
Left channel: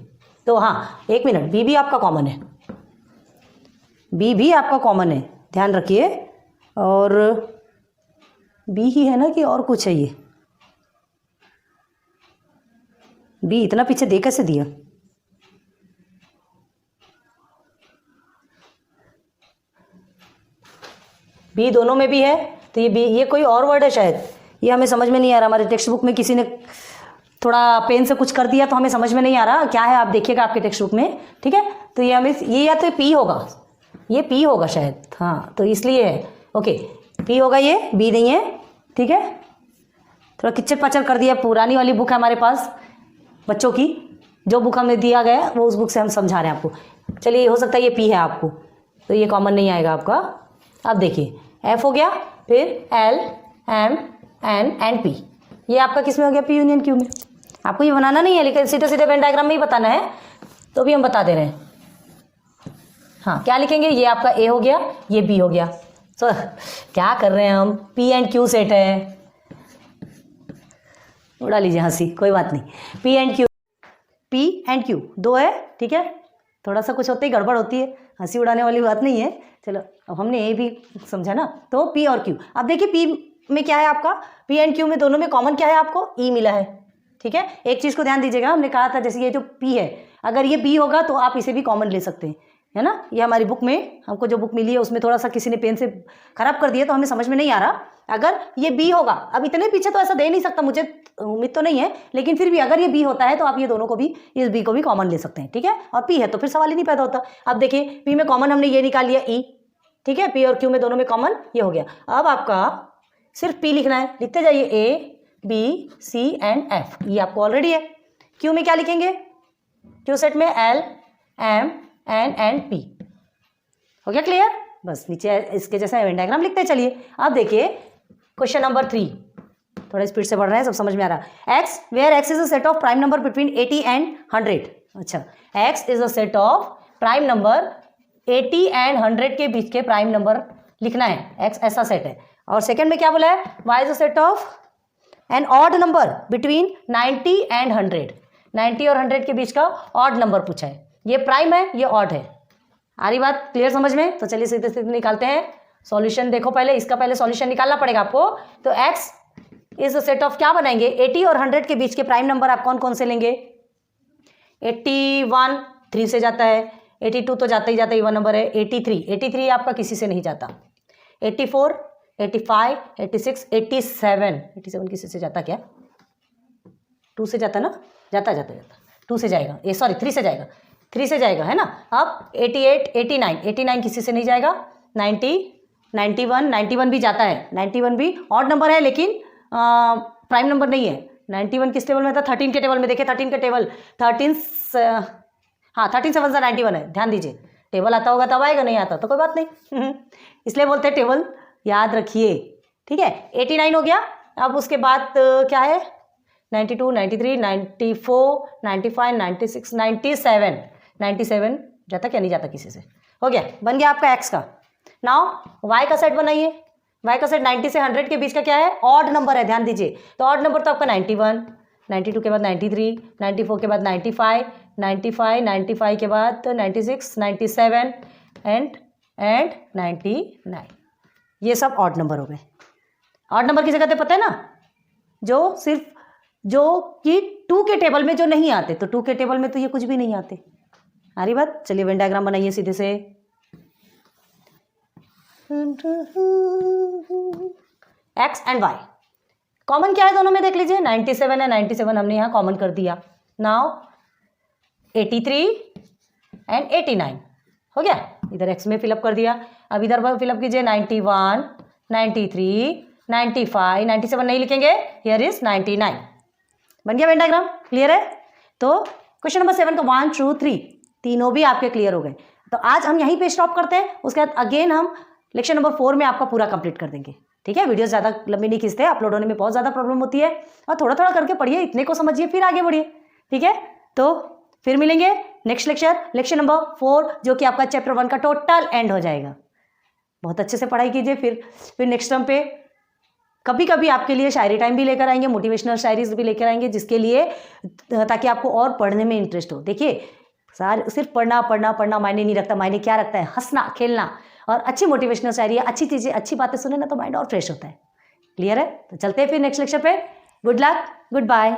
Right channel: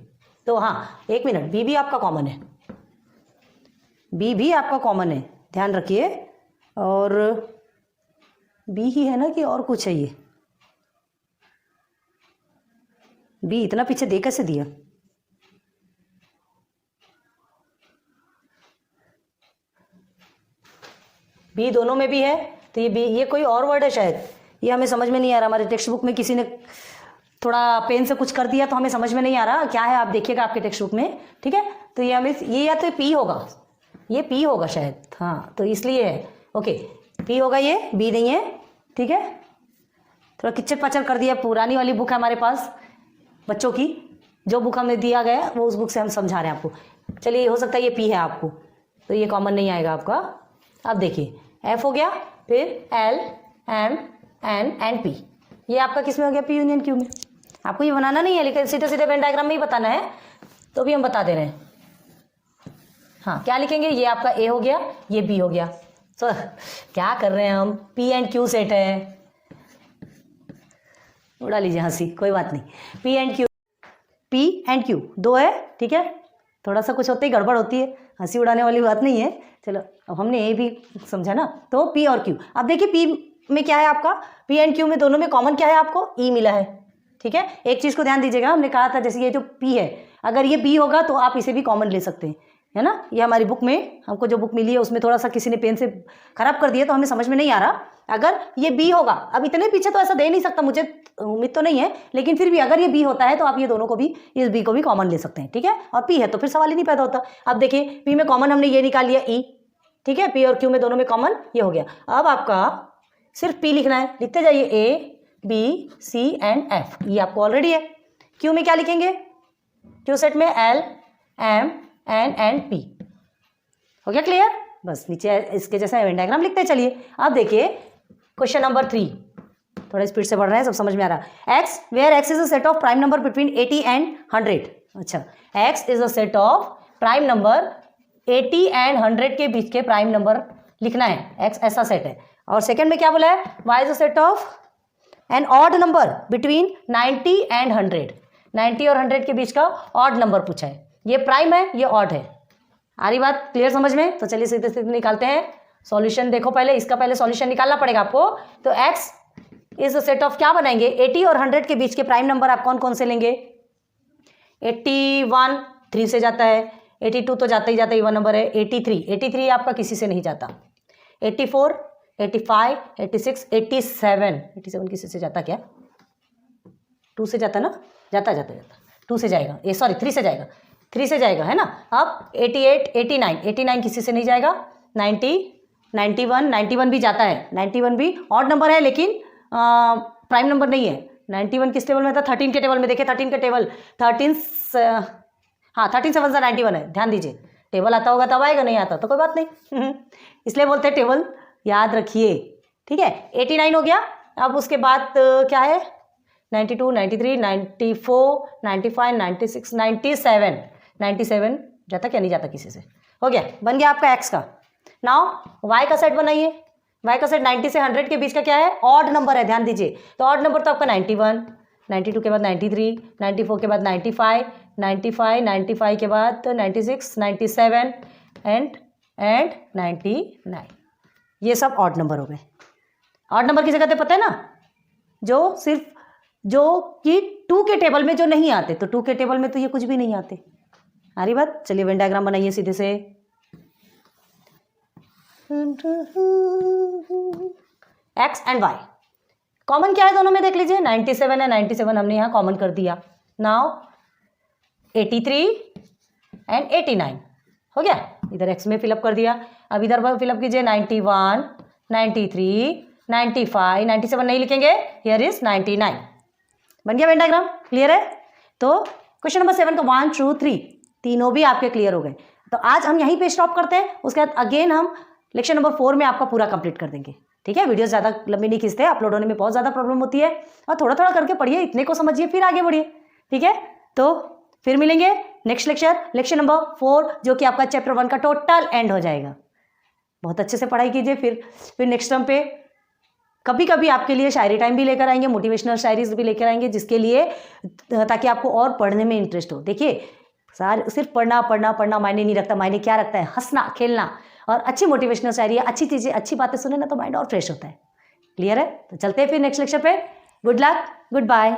तो हाँ, 1 मिनट, B भी आपका कॉमन है, B भी आपका कॉमन है, ध्यान रखिए। और B ही है ना कि और कुछ है, ये B इतना पीछे दे कैसे दिया, B दोनों में भी है, तो ये B, ये कोई और वर्ड है शायद, ये हमें समझ में नहीं आ रहा। हमारे टेक्स्ट बुक में किसी ने थोड़ा पेन से कुछ कर दिया तो हमें समझ में नहीं आ रहा क्या है, आप देखिएगा आपके टेक्स्ट बुक में, ठीक है। तो ये हमें, ये या तो P होगा, ये P होगा शायद, हाँ, तो इसलिए है, ओके, P होगा, ये B नहीं है, ठीक है। थोड़ा किचर पचर कर दिया। पुरानी वाली बुक है हमारे पास बच्चों की, जो बुक हमें दिया गया वो उस बुक से हम समझा रहे हैं आपको। चलिए हो सकता है ये पी है आपको, तो ये कॉमन नहीं आएगा आपका। अब देखिए एफ हो गया, फिर L M N and P, ये आपका किस में हो गया? पी यूनियन क्यू में। आपको ये बनाना नहीं है, लेकिन सीधे सीधे वेन डायग्राम में ही बताना है, तो भी हम बता दे रहे हैं। हाँ, क्या लिखेंगे? ये आपका ए हो गया, ये बी हो गया। तो क्या कर रहे हैं हम? पी एंड क्यू सेट है, उड़ा लीजिए हंसी, कोई बात नहीं। P and Q, P and Q दो है, ठीक है। थोड़ा सा कुछ होते ही गड़बड़ होती है, हंसी उड़ाने वाली बात नहीं है। चलो अब हमने ए भी समझा ना, तो पी और क्यू। अब देखिए पी में क्या है आपका? पी एंड क्यू में दोनों में कॉमन क्या है आपको? ई मिला है, ठीक है। एक चीज़ को ध्यान दीजिएगा, हमने कहा था जैसे ये जो पी है, अगर ये बी होगा तो आप इसे भी कॉमन ले सकते हैं, है ना। ये हमारी बुक में हमको जो बुक मिली है उसमें थोड़ा सा किसी ने पेन से खराब कर दिया, तो हमें समझ में नहीं आ रहा। अगर ये बी होगा, अब इतने पीछे तो ऐसा दे नहीं सकता, मुझे उम्मीद तो नहीं है, लेकिन फिर भी अगर ये बी होता है तो आप ये दोनों को भी, इस बी को भी कॉमन ले सकते हैं, ठीक है। और पी है तो फिर सवाल ही नहीं पैदा होता। अब देखिए पी में कॉमन हमने ये निकाल लिया ई, ठीक है। पी और क्यू में दोनों में कॉमन ये हो गया। अब आपका सिर्फ पी लिखना है, लिखते जाइए A B C and F, ये आपको ऑलरेडी है। क्यू में क्या लिखेंगे? क्यू सेट में L M N and P, हो गया क्लियर? बस नीचे इसके जैसा वेन डायग्राम लिखते चलिए। अब देखिए क्वेश्चन नंबर 3, थोड़ा स्पीड से बढ़ रहे हैं, सब समझ में आ रहा है। X where X is a set of prime number between 80 and 100। अच्छा, X is a set of prime number 80 and 100 के बीच के प्राइम नंबर लिखना है, एक्स ऐसा सेट है। और सेकंड में क्या बोला है? Y is a set of an odd number between 90 and 100, 90 और 100 के बीच का ऑड नंबर पूछा है। ये प्राइम है, ये ऑड है। आ रही बात क्लियर समझ में? तो चलिए सीधे सीधे निकालते हैं सॉल्यूशन। देखो पहले इसका पहले सॉल्यूशन निकालना पड़ेगा आपको। तो x is a set of क्या बनाएंगे? 80 और 100 के बीच के प्राइम नंबर आप कौन कौन से लेंगे? 81 3 से जाता है, 82 तो जाता ही जाता ही 1 नंबर है, 83 आपका किसी से नहीं जाता, 84 85 86 87 किसी से जाता क्या? 2 से जाता ना? जाता 2 से जाएगा, ये सॉरी 3 से जाएगा, 3 से जाएगा, है ना। अब 88 89 किसी से नहीं जाएगा, 90 91 भी जाता है, 91 भी ऑड नंबर है लेकिन प्राइम नंबर नहीं है। 91 किस टेबल में था? 13 के टेबल में। देखिए 13 के टेबल, 13 7 91 है, ध्यान दीजिए। टेबल आता होगा तब आएगा, नहीं आता तो कोई बात नहीं इसलिए बोलते हैं टेबल याद रखिए, ठीक है। 89 हो गया। अब उसके बाद क्या है? 92 93 94 95 96 97 जाता क्या? नहीं जाता किसी से। हो गया, बन गया आपका एक्स का। नाउ वाई का सेट बनाइए। वाई का सेट 90 से 100 के बीच का क्या है? ऑड नंबर है, ध्यान दीजिए। तो ऑड नंबर तो आपका 91, 92 के बाद 93, 94 के बाद 95, 95 के बाद 96, 97 एंड 99। ये सब ऑड नंबर हो गए। ऑड नंबर किसे कहते पता है ना? जो सिर्फ जो कि 2 के टेबल में जो नहीं आते, तो 2 के टेबल में तो ये कुछ भी नहीं आते। आ रही बात? चलिए वेन डायग्राम बनाइए सीधे से। एक्स एंड वाई कॉमन क्या है दोनों में? देख लीजिए 97 है, 97 हमने यहाँ कॉमन कर दिया। नाउ 83 एंड 89 हो गया, इधर एक्स में फिलअप कर दिया। अब इधर फिलअप कीजिए 91 93 95 97 नहीं लिखेंगे, हियर इज 99। बन गया वेन डायग्राम, क्लियर है? तो क्वेश्चन नंबर 7 का 1 2 3 तीनों भी आपके क्लियर हो गए। तो आज हम यहीं पे स्टॉप करते हैं, उसके बाद अगेन हम लेक्चर नंबर 4 में आपका पूरा कंप्लीट कर देंगे, ठीक है। वीडियो ज़्यादा लंबी नहीं खींचते, अपलोड होने में बहुत ज़्यादा प्रॉब्लम होती है, और थोड़ा थोड़ा करके पढ़िए, इतने को समझिए फिर आगे बढ़िए, ठीक है। तो फिर मिलेंगे नेक्स्ट लेक्चर नंबर 4, जो कि आपका चैप्टर 1 का टोटल एंड हो जाएगा। बहुत अच्छे से पढ़ाई कीजिए। फिर नेक्स्ट टर्म पे कभी कभी आपके लिए शायरी टाइम भी लेकर आएंगे, मोटिवेशनल शायरीज भी लेकर आएंगे, जिसके लिए ताकि आपको और पढ़ने में इंटरेस्ट हो। देखिए सिर्फ पढ़ना मायने नहीं रखता, मायने क्या रखता है? हंसना खेलना और अच्छी मोटिवेशनल शायरी, अच्छी चीज़ें अच्छी बातें सुने ना तो माइंड और फ्रेश होता है। क्लियर है? तो चलते हैं फिर नेक्स्ट लेक्चर पे। Good luck, good bye.